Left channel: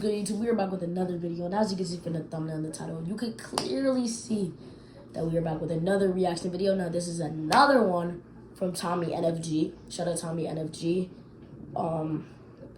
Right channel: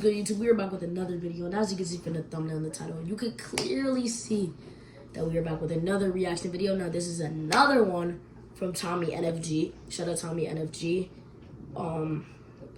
Good YouTube, we are back with another video, and as you can see from the thumbnail and the title, you can clearly see that we are back with another reaction video. Now this is another one from Tommy NFG. Shout out Tommy NFG.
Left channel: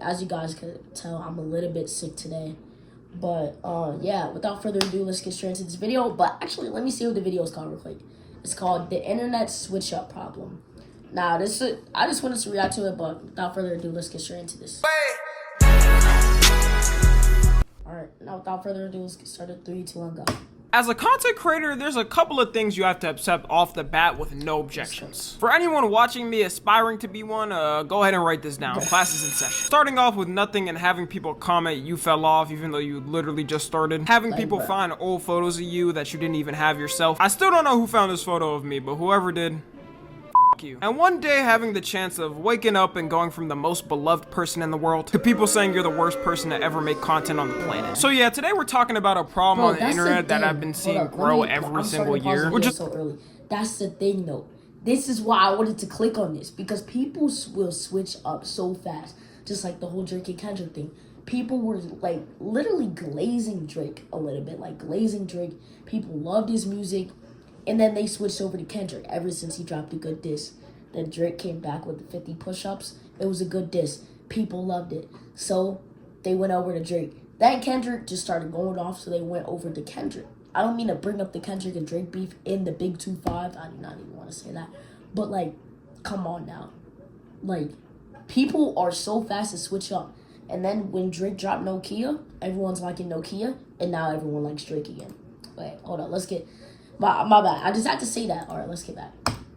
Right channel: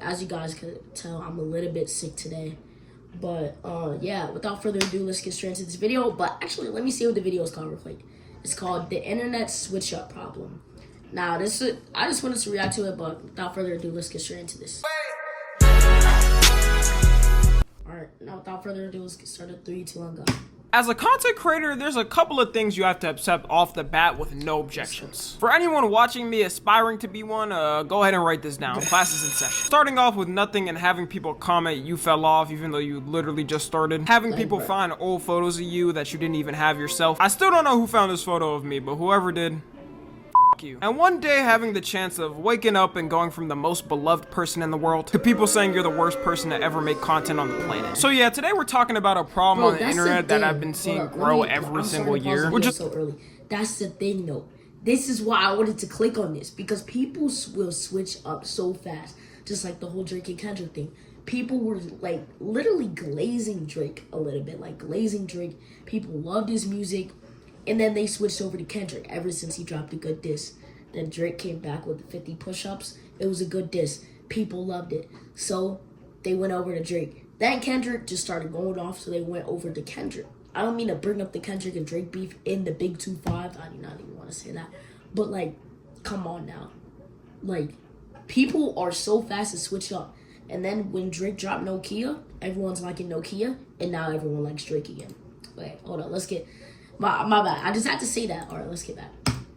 As you guys can tell, I'm a little bit sick today, but yeah, without further ado, let's get straight into this video. But actually, let me see what the video is called real quick. It's called The Internet Switch Up Problem. Now I just wanted to react to it, but without further ado, let's get straight into this. Alright, now without further ado, let's get started. 3, 2, 1, go. As a content creator, there's a couple of things you have to accept off the bat with no objections. For anyone watching me aspiring to be one, go ahead and write this down. Class is in session. Starting off with nothing and having people comment you fell off even though you literally just started. Having people find old photos of you that you didn't even have yourself. I still don't know who found this photo of me, but whoever did, you. And one day having the chance of waking up and going from the most beloved person in the world to people saying you're the worst person to ever make content on the planet. So yeah, today we're talking about a problem on the internet that I've been seeing grow every single year. Which is so early. That's the thing though. This is why I wanted to click on this, because people will switch up so fast. Just like the whole Drake and Kendrick thing. People were like literally glazing Drake a little bit. Like glazing Drake. People loved his music. And then they switched over to Kendrick ever since he dropped a good diss. Then Drake came back with 50 push-ups. It was a good diss. People loved it. So they went over to Drake. Then Kendrick just started going off, so they went over to Kendrick. I don't mean to bring up the Kendrick and Drake beef in the Big 2-5. I do not even want to say that. But, like, come on now. Like, people are so fast to switch up. And then when Drake dropped Nokia, everyone's liking Nokia. And now everyone likes Drake again. Wait, hold on. Let's get... My bad. I just had to say that. All right, let's get back.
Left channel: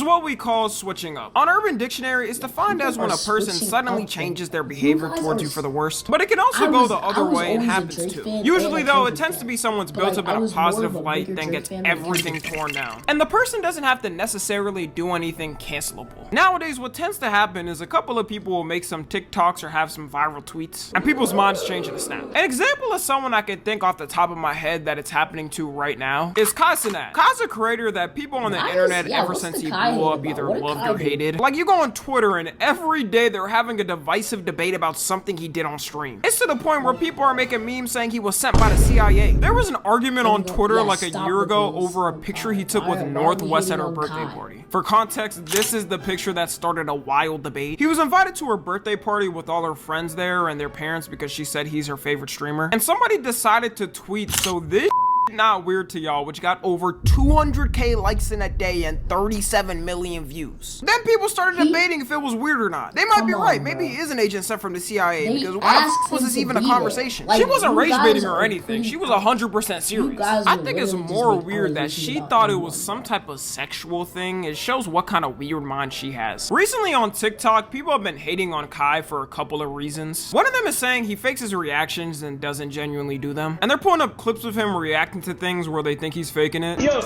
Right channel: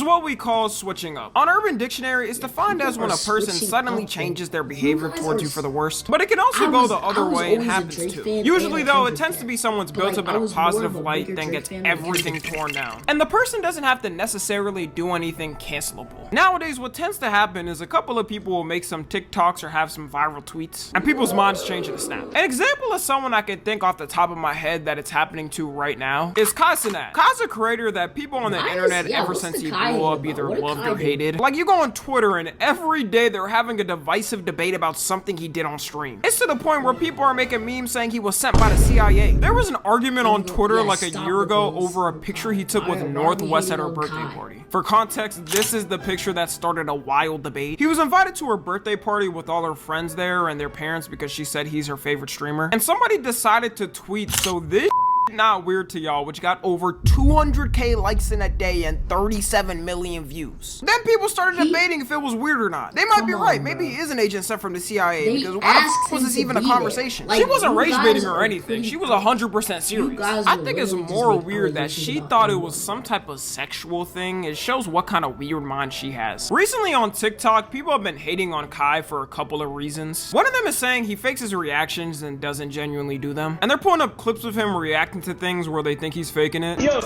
What we call switching up. On Urban Dictionary, it's defined as when a person suddenly changes their behavior towards you for the worst. But it can also go the other way and happens too. Usually though, it tends to be someone's built up in a positive light, then gets everything torn down. And the person doesn't have to necessarily do anything cancelable. Nowadays, what tends to happen is a couple of people will make some TikToks or have some viral tweets, and people's minds change in a snap. An example of someone I can think off the top of my head that it's happening to right now is Kai Cenat. Kai's a creator that people on the internet ever since he blew up either loved or hated. Like, you go on Twitter and every day they're having a divisive debate about something he did on stream. It's to the point where people are making memes saying he was sent by the CIA. There was an argument on Twitter like a year ago over a picture he took with Northwest at her birthday party. For context, this is the picture that started a wild debate. He was invited to her birthday party with all her friends there and their parents because she said he's her favorite streamer. And somebody decided to tweet, "So this not weird to y'all," which got over 200k likes in a day and 37 million views. Then people started debating if it was weird or not. They might be right. Maybe he is an agent sent from the CIA, because why the f was this even a conversation? She wasn't rage baiting or anything. She was 100% serious. I think it's more weird that she thought it was some type of sexual thing. It shows what kind of weird mind she has. Recently on TikTok, people have been hating on Kai for a couple of reasons. One of them is saying he fakes his reactions and doesn't genuinely do them. And they're pulling up clips of him reacting to things where they think he's faking it. Yo,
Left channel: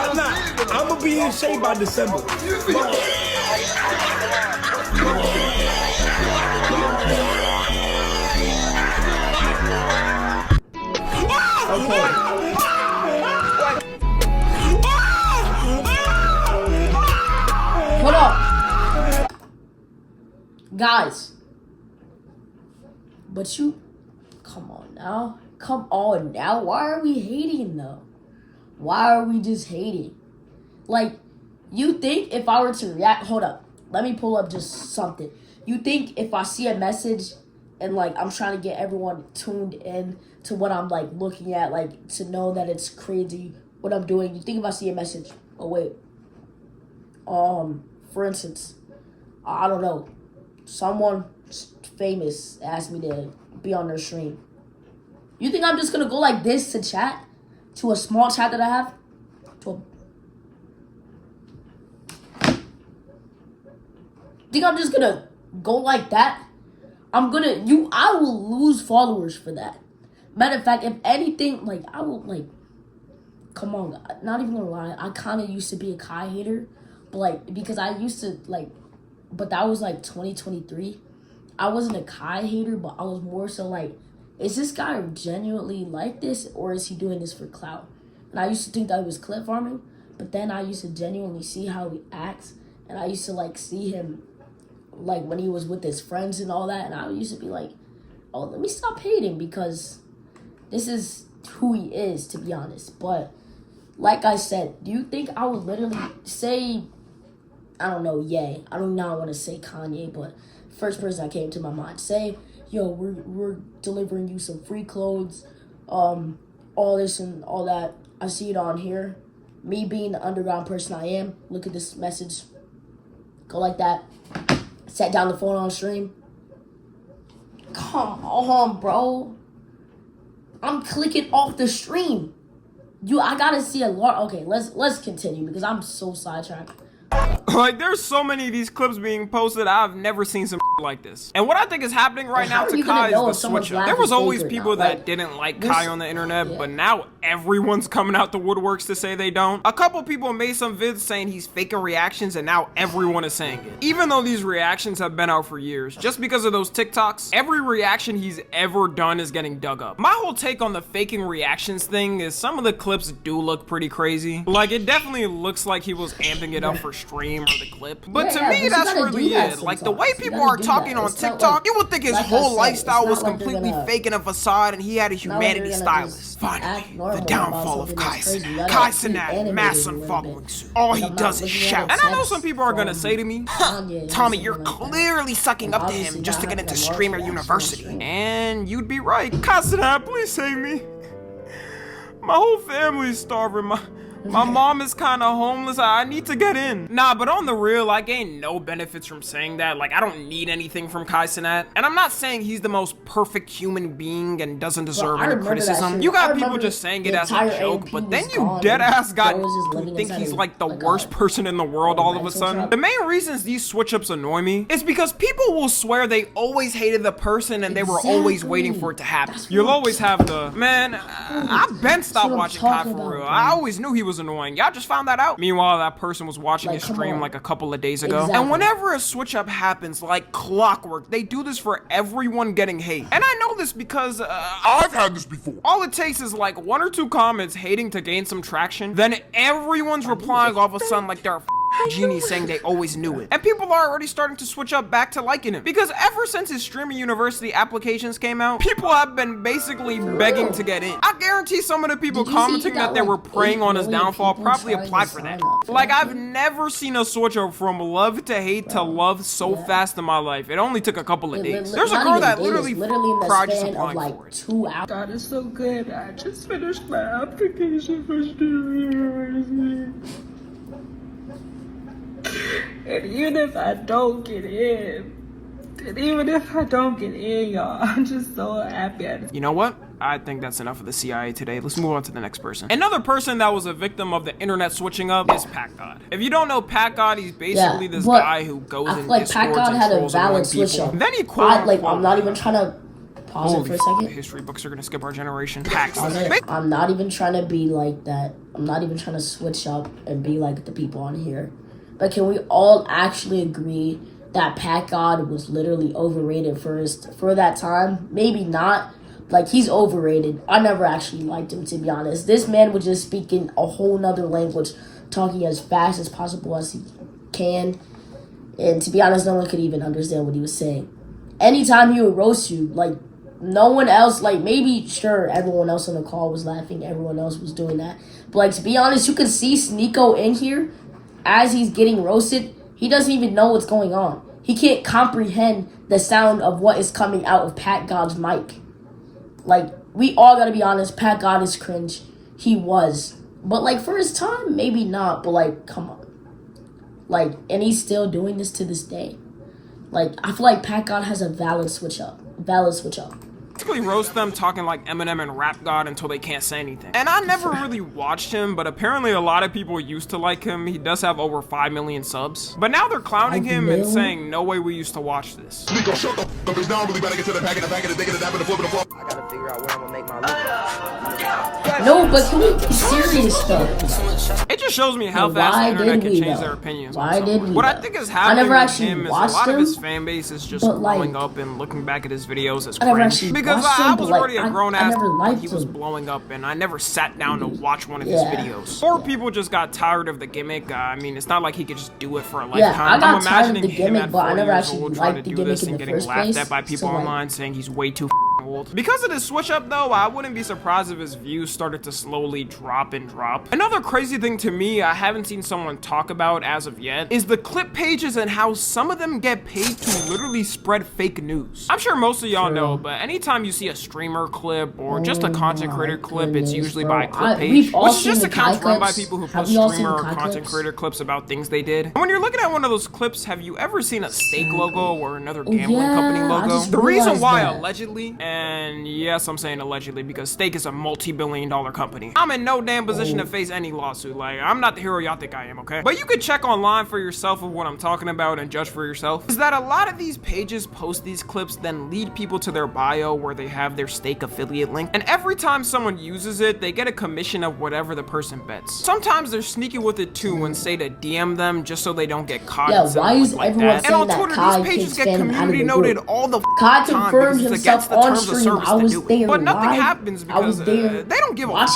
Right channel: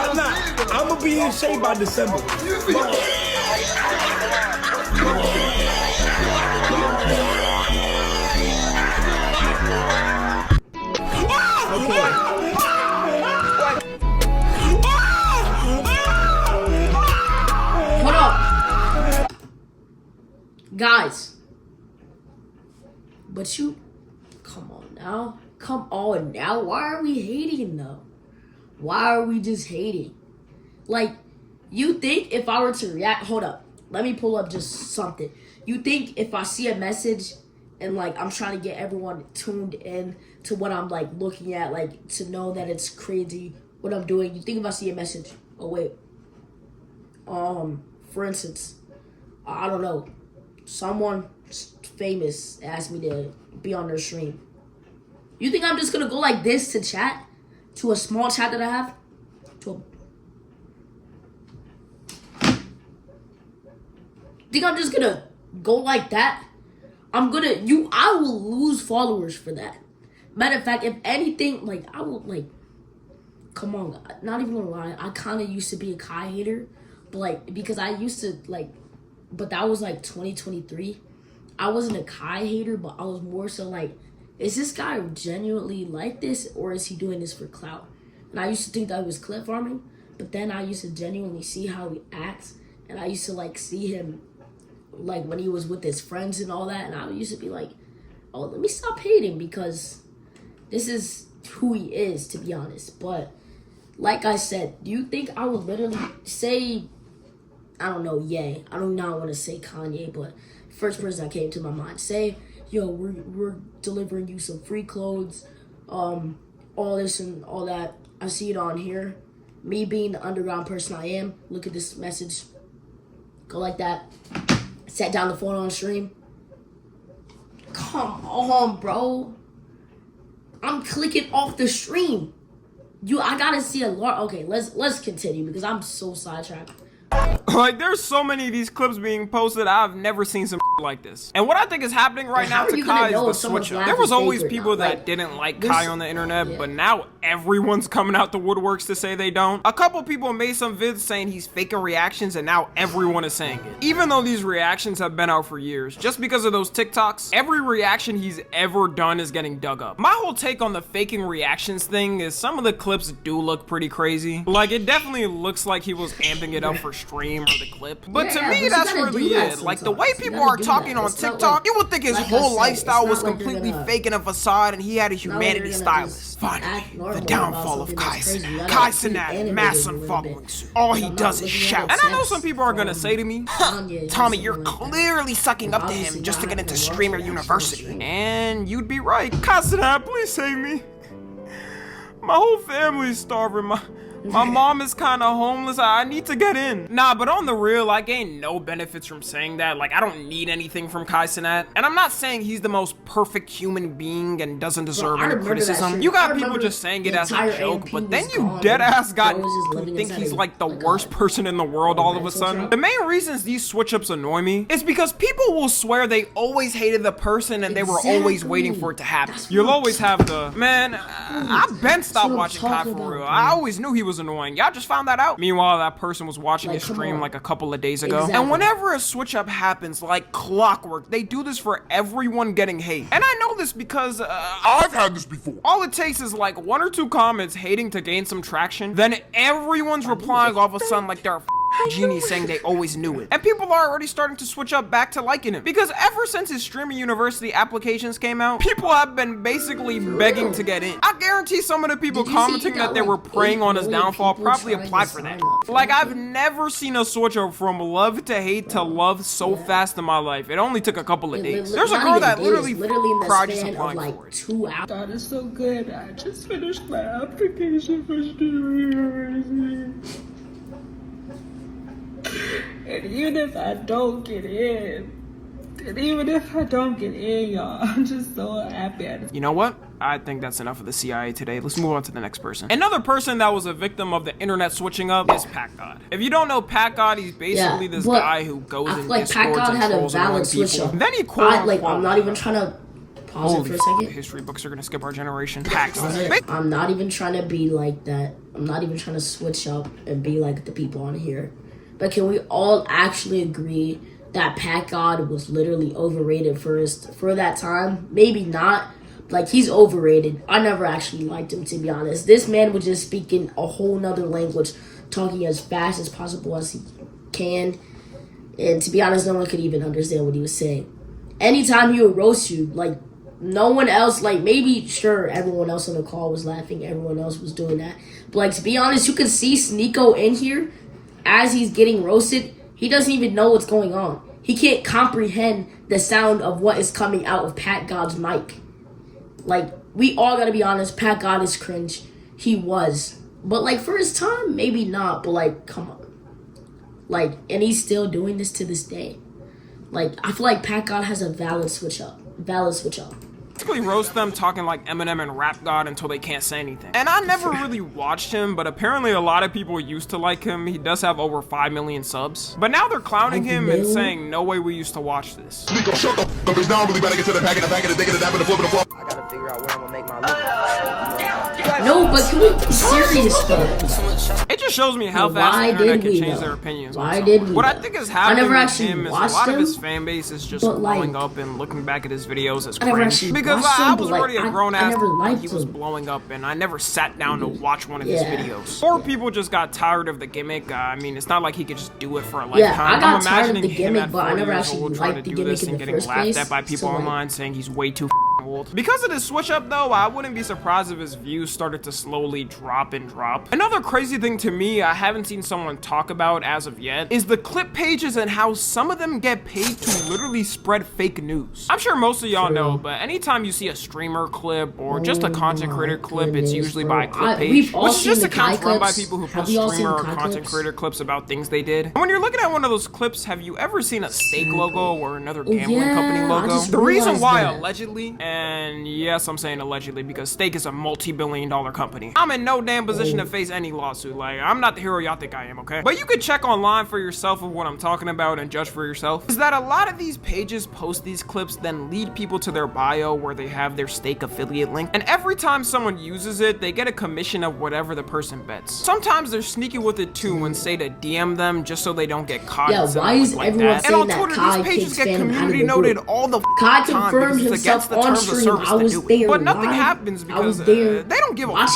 I'm gonna be in shape by December. Hold up. Guys. But you, come on now. Come on now, why are we hating though? Why are we just hating? Like, you think if I were to react, hold up, let me pull up just something. You think if I see a message and like I'm trying to get everyone tuned in to what I'm like looking at, like to know that it's crazy what I'm doing, you think if I see a message, oh wait, for instance, I don't know, someone famous asked me to be on their stream. You think I'm just gonna go like this to chat? To a small chat that I have? Think I'm just gonna go like that? I will lose followers for that. Matter of fact, if anything, like, I will, like, come on, not even gonna lie, I kinda used to be a Kai hater, but, like, because I used to, like, but that was, like, 2023. I wasn't a Kai hater, but I was more so, like, is this guy genuinely like this, or is he doing this for clout? And I used to think that he was clip farming, but then I used to genuinely see how he acts, and I used to, like, see him, like, when he was with his friends and all that, and I used to be like, oh, let me stop hating because this is who he is, to be honest. But like I said, do you think I would literally say, I don't know, Ye. I do not want to say Kanye, but first person that came to my mind. Say, yo, we're delivering you some free clothes, all this and all that. I see it on here. Me being the underground person I am, look at this message. Go like that. Set down the phone on stream. Come on, bro. I'm clicking off the stream. I gotta see a lot. Okay, let's continue because I'm so sidetracked. Like, there's so many of these clips being posted, I've never seen some like this. And what I think is happening right now to Kai is the switch up. There was always people that didn't like Kai on the internet, but now everyone's coming out the woodworks to say they don't. A couple people made some vids saying he's faking reactions, and now everyone is saying it. Even though these reactions have been out for years, just because of those TikToks, every reaction he's ever done is getting dug up. My whole take on the faking reactions thing is some of the clips do look pretty crazy. Like, it definitely looks like he was amping it up for stream or the clip. But to me, that's really it. Like, the way people are talking on TikTok, you would think his whole lifestyle was completely fake and a facade and he had a humanity stylist. Finally, the downfall of Kai Cenat. Kai Cenat, mass unfollowing suit. All he does is shout. And I know some people are gonna say to me, Tommy, you're clearly sucking up to him just to get into streamer university. And you'd be right. Kai Cenat, please save me. My whole family's starving. My mom is kind of homeless. I need to get in. Nah, but on the real, I gain no benefits from saying that. Like, I don't need anything from Kai Cenat. And I'm not saying he's the most perfect human being and doesn't deserve any criticism. You got people just saying it as a joke, but then you dead-ass got who think he's like the worst person in the world all of a sudden. The main reasons these switch-ups annoy me is because people will swear they always hated the person and they were always waiting for it to happen. You'll always have the, man, I've been stopped watching Kai for real. I always knew he was annoying. Y'all just found that out. Meanwhile, that person was watching his stream like a couple of days ago. And whenever a switch up happens, like clockwork, they do this for everyone getting hate. And I know this because I've had this before. All it takes is like 1 or 2 comments hating to gain some traction, then everyone's replying all of a sudden like they're a genie saying they always knew it. And people are already starting to switch up back to liking him. Because ever since his streaming university applications came out, people have been basically begging to get in. I guarantee some of the people commenting that they were preying on his downfall probably applied for that. Like, I've never seen a switch up from love to hate to love so fast in my life. It only took a couple of days. There's a girl that literally cried just applying for it. God is so good. I just finished my application for streaming university. And even if I don't get in, y'all, I'm just so happy. You know what? I think that's enough of the CIA today. Let's move on to the next person. Another person that was a victim of the internet switching up is Pat God. If you don't know Pat God, he's basically this guy who goes in Discords and trolls annoying people. Then he quote-unquote, I'm not even trying to pause it for a second. History books are gonna skip our generation. I'm not even trying to be like that. I'm not even trying to switch up and be like the people on here. But can we all actually agree that Pat God was literally overrated for that time? Maybe not. Like, he's overrated. I never actually liked him, to be honest. This man was just speaking a whole nother language, talking as fast as possible as he can. And to be honest, no one could even understand what he was saying. Anytime he would roast you, like, no one else, like, maybe, sure, everyone else on the call was laughing. Everyone else was doing that. But, like, to be honest, you could see Sneeko in here. As he's getting roasted, he doesn't even know what's going on. He can't comprehend the sound of what is coming out of Pat God's mic. Like, we all gotta be honest, Pat God is cringe. He was. But, like, for his time, maybe not. But, like, come on. Like, and he's still doing this to this day. Like, I feel like Pat God has a valid switch up. Basically roast them talking like Eminem and Rap God until they can't say anything. And I never really watched him, but apparently a lot of people used to like him. He does have over 5 million subs. But now they're clowning him and saying, no way we used to watch this. Nico, shut the f*** up. It's now I'm really about to get to the pack and the pack and the dick and the dap and the flip and the flop. I gotta figure out where I'm gonna make my loop. No, but can we be serious though? It just shows me how fast the internet can change their opinions on someone. What I think is happening with him is a lot of his fan base is just blowing up and looking back at his videos as cringe. Because I was already a grown-ass when he was blowing up, and I never sat down to watch one of his videos. Or people just got tired of the gimmick. I mean, it's not like he could just do it for a lifetime. I'm imagining him at 4 years old trying to do this and getting laughed at by people online saying he's way too old. Because of this switch up though, I wouldn't be surprised if his views started to slowly drop and drop. Another crazy thing to me I haven't seen someone talk about as of yet is the clip pages and how some of them get paid to literally spread fake news. I'm sure most of y'all know, but anytime you see a streamer clip or just a content creator clip, it's usually by a clip page, which is just accounts run by people who post streamer or content creator clips about things they did. And when you're looking at one of those clips, have you ever seen a steak logo or another gambling company logo? The reason why allegedly, and yes, I'm saying allegedly because steak is a multi-billion-dollar company. I'm in no damn position to face any lawsuit. Like, I'm not the hero y'all think I am, okay? But you could check online for yourself of what I'm talking about and judge for yourself. Is that a lot of these pages post these clips, then lead people to their bio where they have their steak affiliate link. And every time someone uses it, they get a commission of whatever the person bets. Sometimes they're sneaky with it too and say to DM them just so they don't get caught in something like that. And on Twitter, these pages get community noted all the time because it's against the terms of service to do it. But nothing happens because they don't give a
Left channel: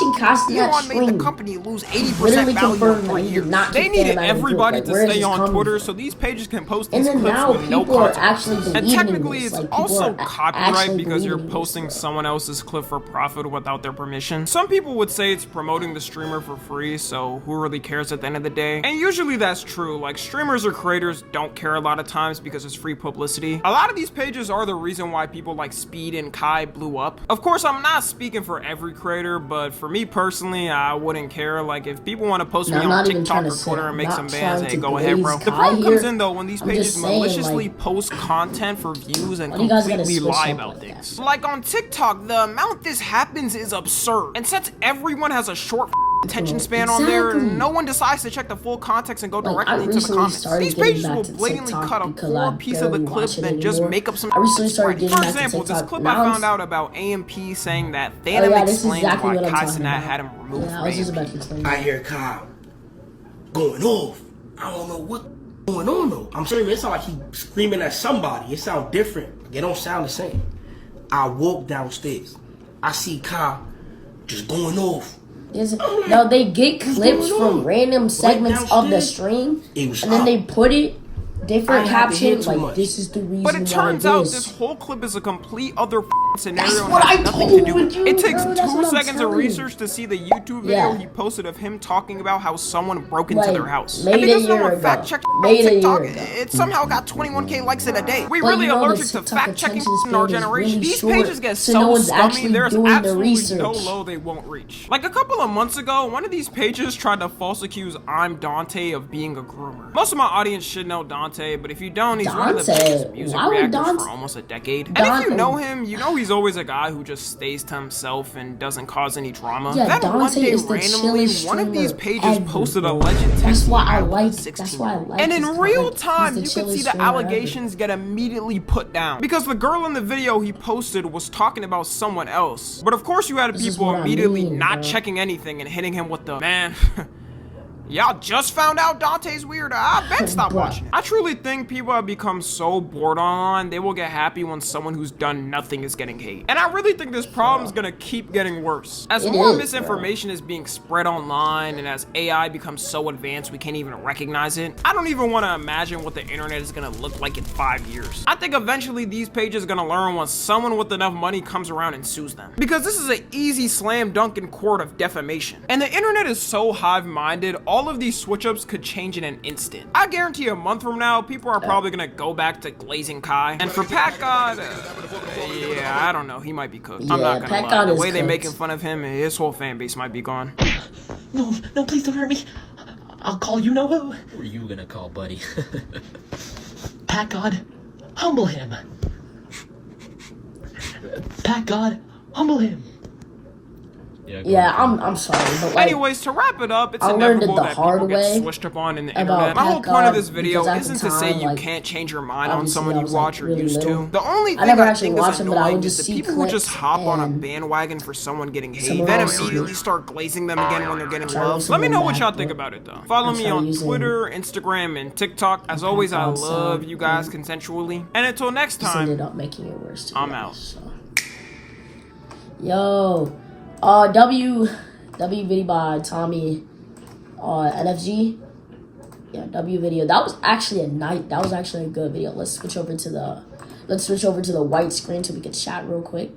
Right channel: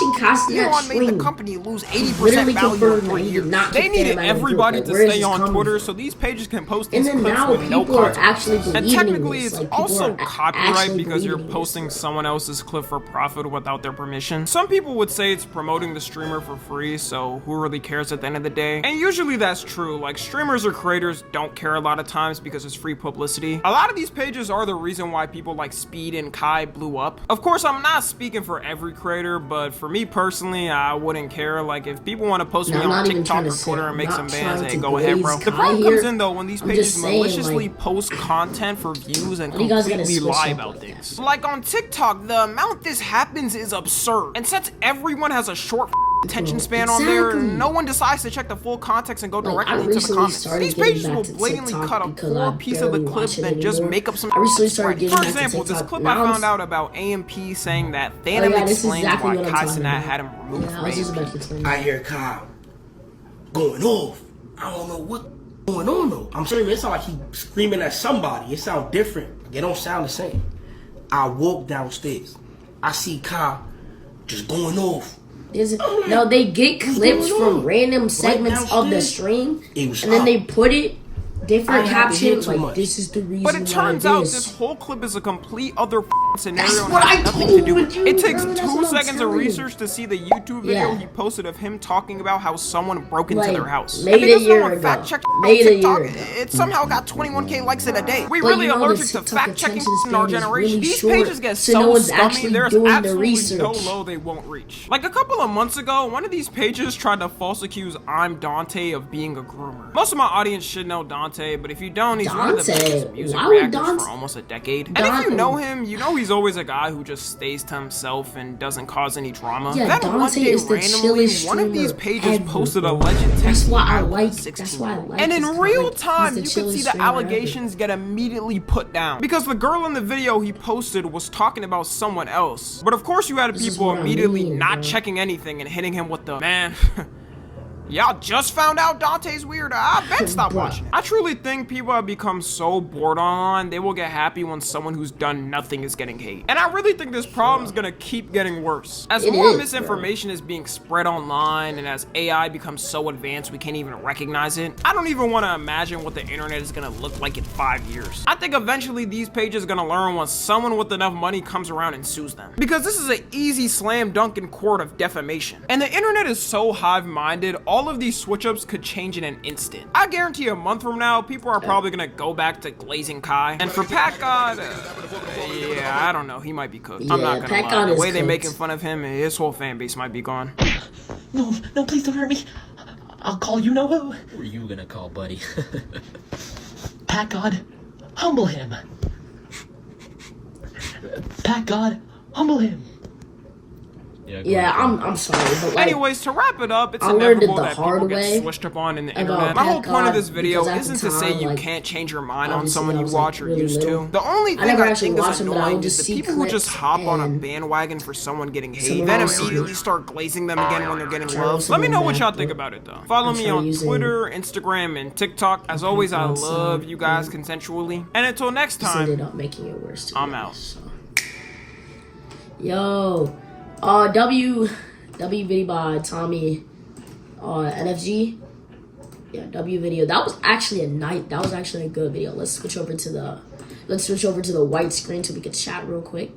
Elon made the company lose 80% value in 3 years. They needed everybody to stay on Twitter so these pages can post these clips with no consequences. And technically, it's also copyright because you're posting someone else's clip for profit without their permission. Some people would say it's promoting the streamer for free, so who really cares at the end of the day? And usually that's true. Like, streamers or creators don't care a lot of times because it's free publicity. A lot of these pages are the reason why people like Speed and Kai blew up. Of course, I'm not speaking for every creator, but for me personally, I wouldn't care. Like, if people want to post me on TikTok or Twitter and make some bans, hey, go ahead, bro. The problem comes in though when these pages maliciously post content for views and completely lie about things. Like on TikTok, the amount this happens is absurd. And since everyone has a short attention span on there, no one decides to check the full context and go directly into the comments. These pages will blatantly cut a core piece of the clip then just make up some spread. For example, this clip I found out about AMP saying that Phantom explains why Kai Cenat had him removed from AMP. I hear Kai going off. I don't know what's going on though. I'm sorry, it sounds like he screaming at somebody. It sounds different. It don't sound the same. I walk downstairs. I see Kai just going off. No, they get clips from random segments of the stream, and then they put it different captions like this is the reason. But it turns out this whole clip is a complete other scenario and has nothing to do with it. It takes 2 seconds of research to see the YouTube video he posted of him talking about how someone broke into their house. And because no one fact checked on TikTok, it somehow got 21k likes in a day. We really allergic to fact checking in our generation. These pages get so scummy, there's absolutely no low they won't reach. Like a couple of months ago, one of these pages tried to false accuse I'm Dante of being a groomer. Most of my audience should know Dante, but if you don't, he's one of the biggest music reactors for almost a decade. And if you know him, you know he's always a guy who just stays to himself and doesn't cause any drama. Then one day randomly, one of these pages posted a alleged text out with a 16-year-old. And in real time, you could see the allegations get immediately put down. Because the girl in the video he posted was talking about someone else. But of course you had people immediately not checking anything and hitting him with the, man, y'all just found out Dante's weird. I bet stop watching it. I truly think people have become so bored online, they will get happy when someone who's done nothing is getting hate. And I really think this problem is gonna keep getting worse. As more misinformation is being spread online and as AI becomes so advanced we can't even recognize it, I don't even want to imagine what the internet is gonna look like in 5 years. I think eventually these pages are gonna learn when someone with enough money comes around and sues them. Because this is an easy slam dunk in court of defamation. And the internet is so hive-minded, all of these switch-ups could change in an instant. I guarantee a month from now, people are probably gonna go back to glazing Kai. And for Pat God, yeah, I don't know, he might be cooked. I'm not gonna lie. The way they're making fun of him, his whole fan base might be gone. No, please don't hurt me. I'll call you know who. Who are you gonna call, buddy? Pat God, humble him. Pat God, humble him. Yeah, I'm sorry. Like, anyways, to wrap it up, it's inevitable that people get switched up on in the internet. My whole point of this video isn't to say you can't change your mind on someone you watch or used to. The only thing I think is annoying is the people who just hop on a bandwagon for someone getting hate, then immediately start glazing them again when they're getting love. Let me know what y'all think about it though. Follow me on Twitter, Instagram, and TikTok. As always, I love you guys consensually. And until next time, I'm out. Yo. W video by Tommy NFG. Yeah, W video. That was actually a good video. Let's switch over to the white screen so we can chat real quick.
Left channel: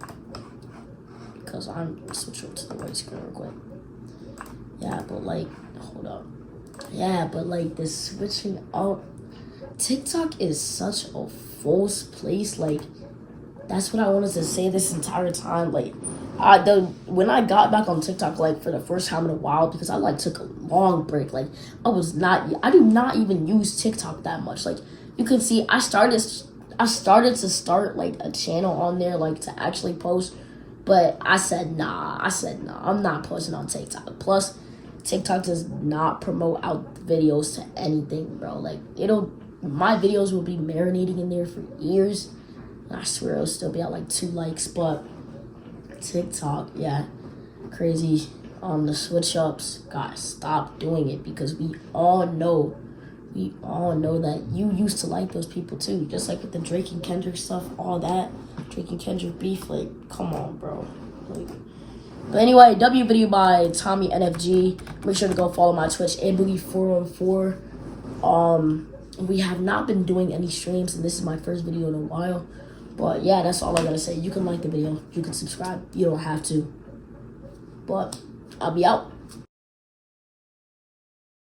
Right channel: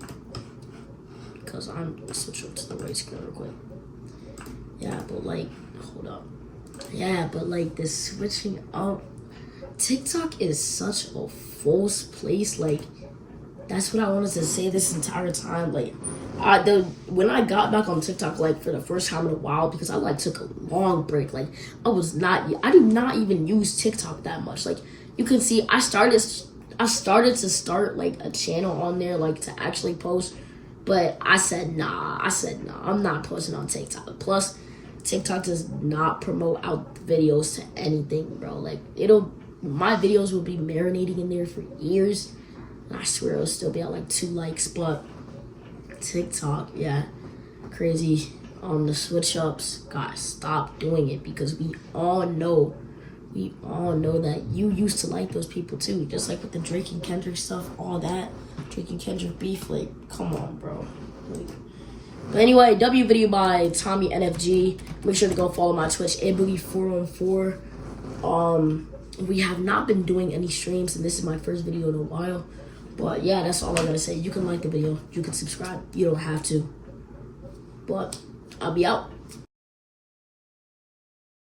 because I'm switch over to the right screen real quick. Yeah, but like, hold up. Yeah, but like this switching up, TikTok is such a false place. Like, that's what I wanted to say this entire time. Like, when I got back on TikTok, like for the first time in a while, because I like took a long break. Like, I do not even use TikTok that much. Like, you can see, I started to start like a channel on there, like to actually post, but I said nah, I'm not posting on TikTok. Plus, TikTok does not promote out videos to anything, bro. Like, my videos will be marinating in there for years, and I swear it'll still be at like 2 likes. But TikTok, yeah, crazy. The switch ups, guys, stop doing it, because we all know that you used to like those people too. Just like with the Drake and Kendrick stuff, all that Drake and Kendrick beef, like, come on, bro. But anyway, W video by Tommy NFG. Make sure to go follow my Twitch, aboogie414. We have not been doing any streams, and this is my first video in a while. But yeah, that's all I'm gonna say. You can like the video, you can subscribe, you don't have to. But I'll be out.